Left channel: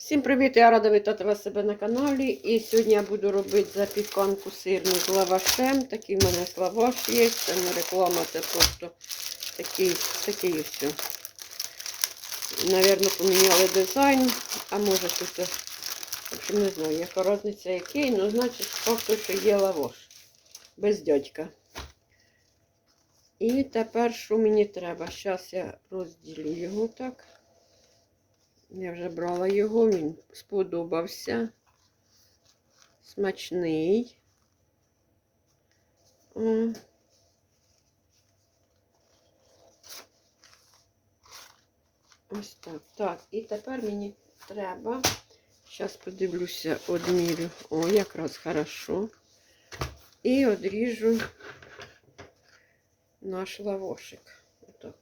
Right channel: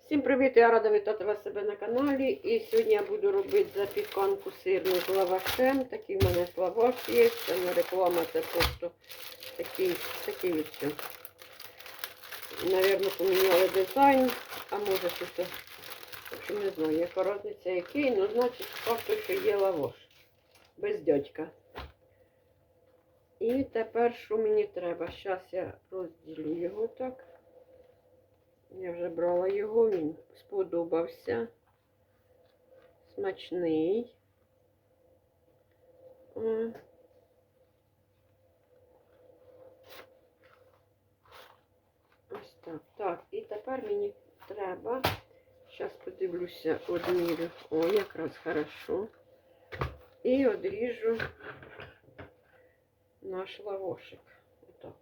Всім привіт! Я рада вітати вас себе на каналі. І сьогодні я буду робити запіканку сирну з лавашем. Такий в мене лаваш є. Це не реклама, це просто такий, такий ось. Навірно, поміняли дизайн, а може тут, в общем, не знаю, яка різниця який, ну значить факту, що є лаваш. Без дядька. І тепер що мені треба? Зараз я розділю його так. Я вже брала його, він сподобався. Смачний. Ось так. Так, і тепер мені треба. Зараз подивлюся, одмірю. О, якраз хорошо. І одріжу наш лавошик. Отак.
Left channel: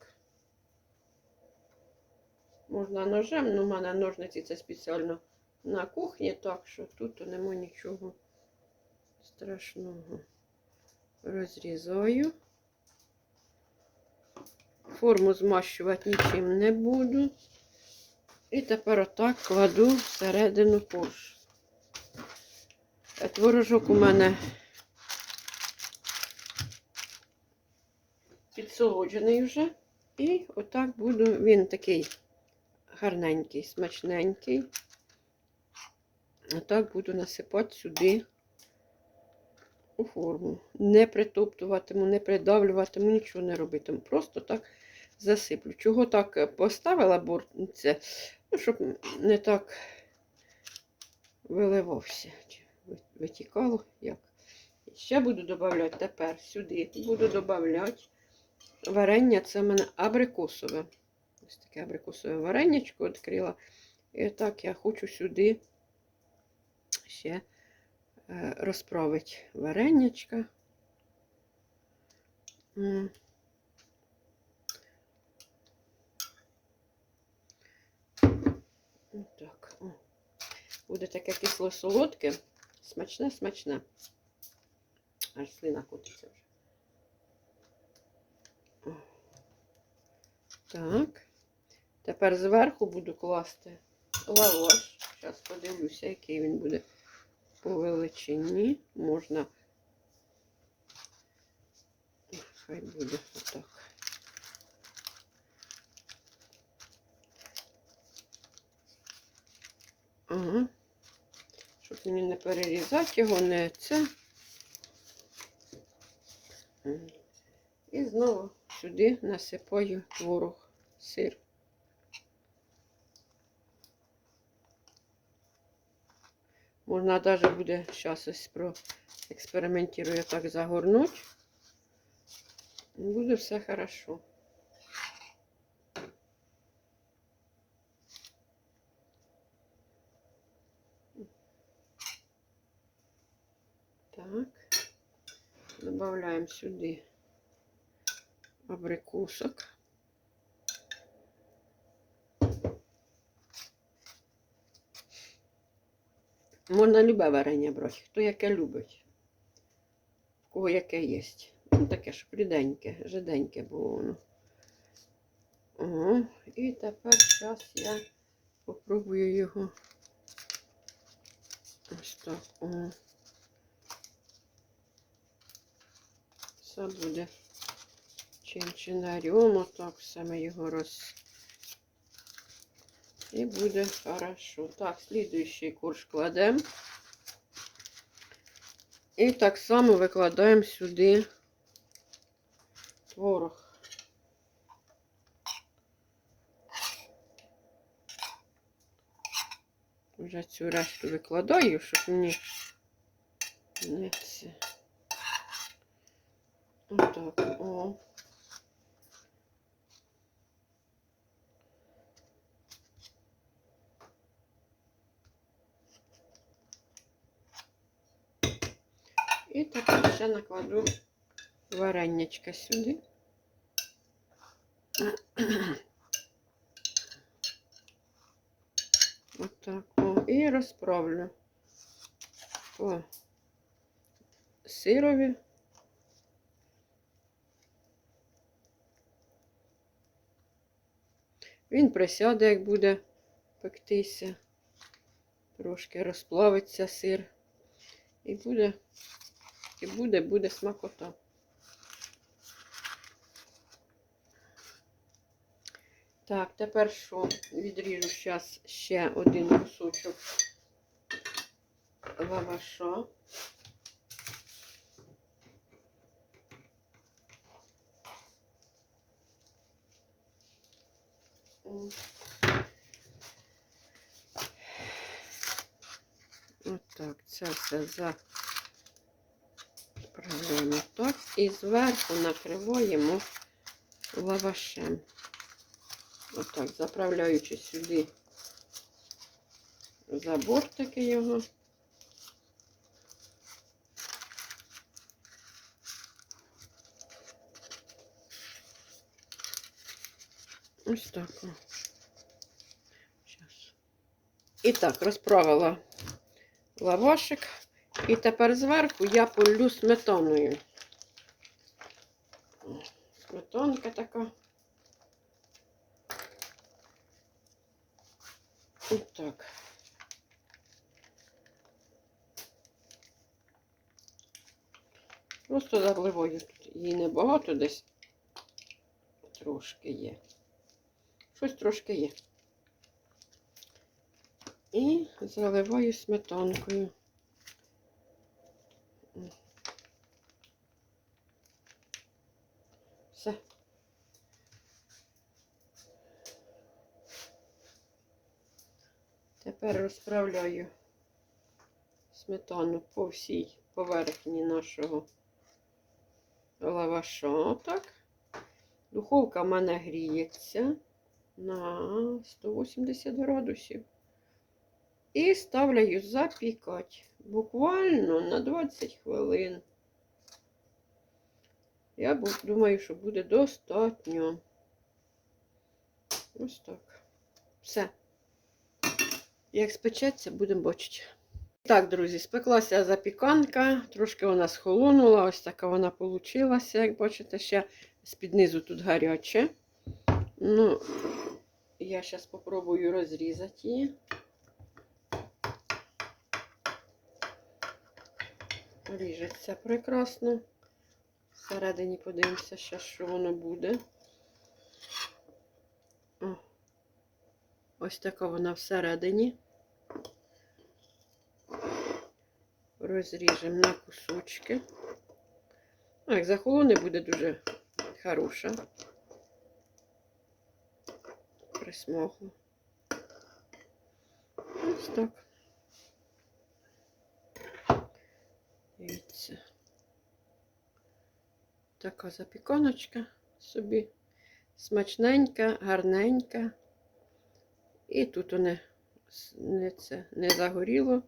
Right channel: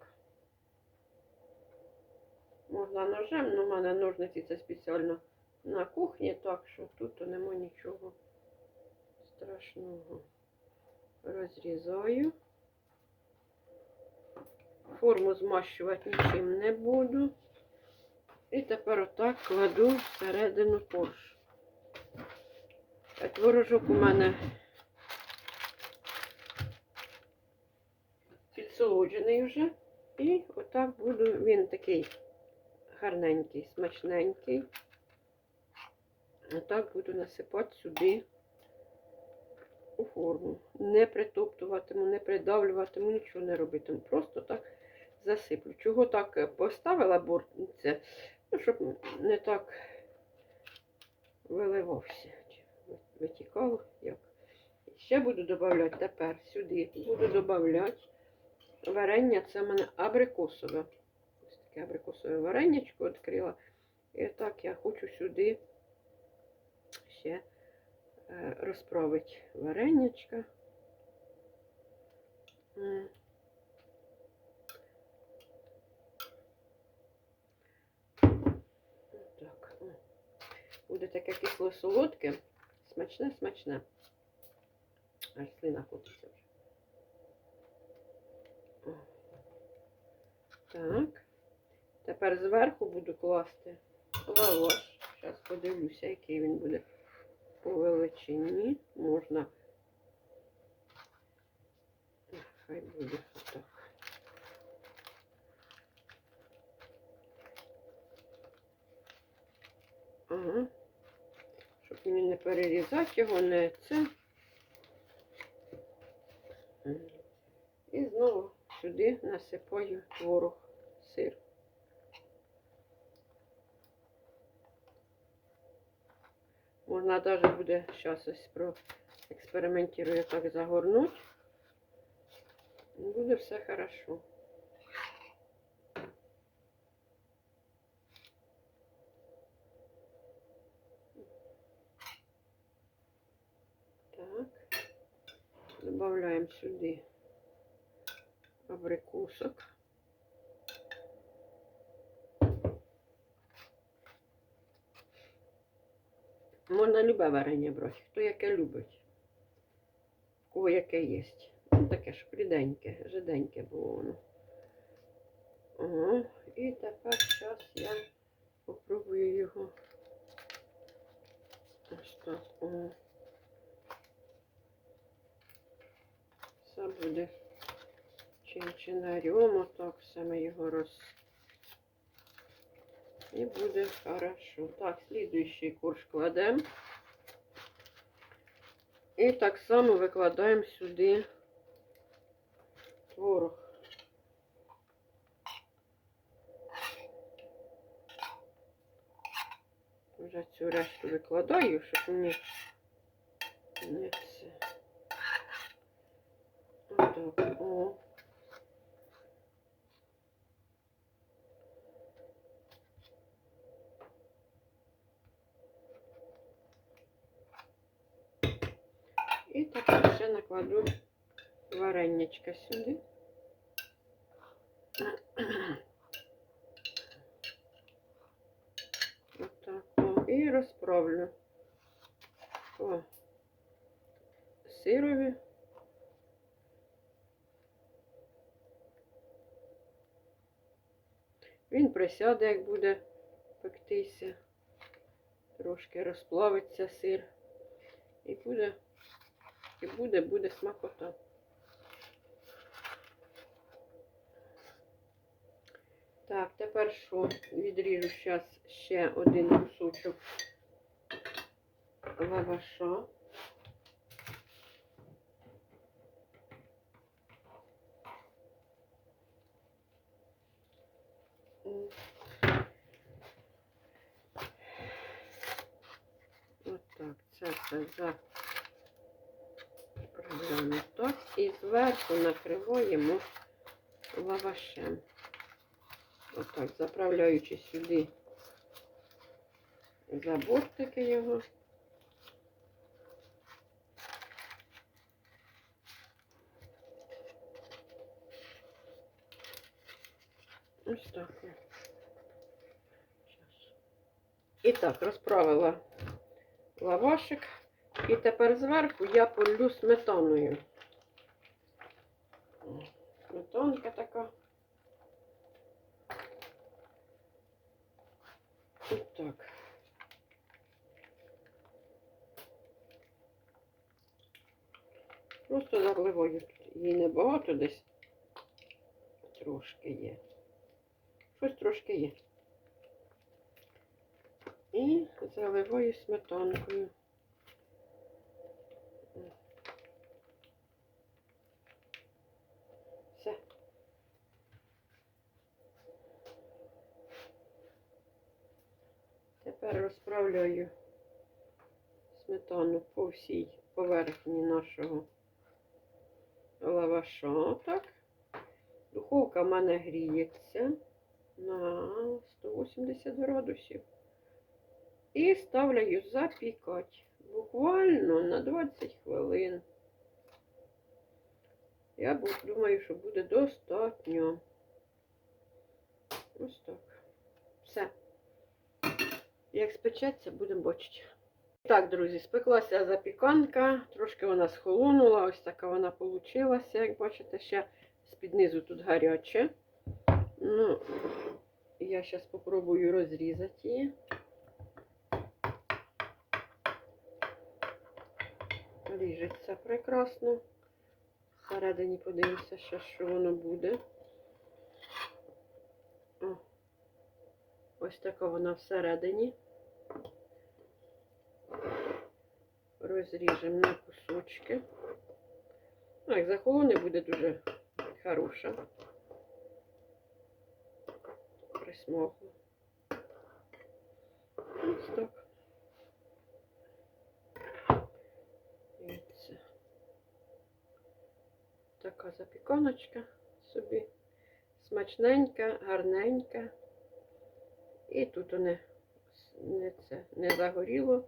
Можна ножем, але в мене ножниці це спеціально на кухні, так що тут нема нічого страшного. Розрізаю. Форму змащувати нічим не буду. І тепер отак кладу всередину корж. Творожок у мене підсолоджений вже. І отак буду, він такий гарненький, смачненький. Отак буду насипати сюди у форму. Не притоптуватиму, не придавлюватиму, нічого не робитиму. Просто так засиплю. Чого так поставила бортниця? Ну, щоб не так виливався. Витікало як. Ще буду додавати тепер сюди. Буду додавати варення, це в мене абрикосове. Таке абрикосове варенячко відкрила. І так я хочу сюди ще е, розправити варенячка. М. Отак. О. Буде таке кисло-солодке, смачне, смачне. Аж слина котиться вже. Так. Тепер зверху буду класти лаваш. Зараз подивлюся, який він буде по величині. Можна. Хай буде отак. Ага. Щоб мені не перерізати його, не це. І знову сюди насипаю творог, сир. Можна навіть буде зараз ось проекспериментую так загорнути. Буде все хорошо. Так, добавляем сюди абрикосок. Можна любе варення брати, хто яке любить, в кого яке є. Ну, таке ж ріденьке, жиденьке було воно. Ага. І тепер зараз я попробую його ось так. Ага. Все буде чинчинарем, отак все ми його роз... І буде хорошо. Так, слідуючий курс кладемо. І так само викладаємо сюди творог. Вже цю решту викладаю, щоб мені не це. Отак, о. Тепер ще накладу варенячка сюди. Отак. О, і розправлю по сирові. Він присяде, як буде пектися. Трошки розплавиться сир. І буде, і буде, буде смакота. Так, тепер що? Відріжу зараз ще один кусочок лаваша. Отак, це все заправляємо так і зверху накриваємо лавашем. Отак, заправляючи сюди за бортики його. Ось так. І так, розправила лавашик. І тепер зверху я полю сметаною. Сметанка така. Ось так. Просто заливаю тут. Її небагато десь. Трошки є. Щось трошки є. І заливаю сметанкою. Все. Тепер розправляю сметану по всій поверхні нашого лаваша. Отак. Духовка в мене гріється на 180 градусів. І ставляю запікати буквально на 20 хвилин. Я думаю, що буде достатньо. Ось так. Все. Як спечеться, будемо бачити. Так, друзі, спеклася запіканка. Трошки вона схолонула. Ось така вона вийшла. Як бачите, ще з-під низу тут гаряче. Ну, я зараз спробую розрізати її. Ріжеться прекрасно. Всередині подивимося, ще, що воно буде. О, ось така вона всередині. Розріжемо на кусочки. Як захолоне буде дуже хороша. Присмогло. Ось так. Така запіканочка собі. Смачненька, гарненька. І тут не, не, це, не загоріло.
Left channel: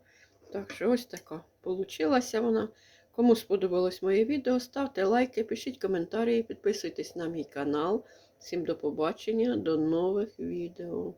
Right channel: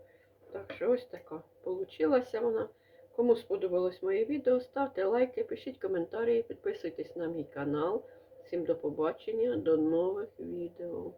Так що ось така получилася вона. Кому сподобалось моє відео, ставте лайки, пишіть коментарі, підписуйтесь на мій канал. Всім до побачення, до нових відео.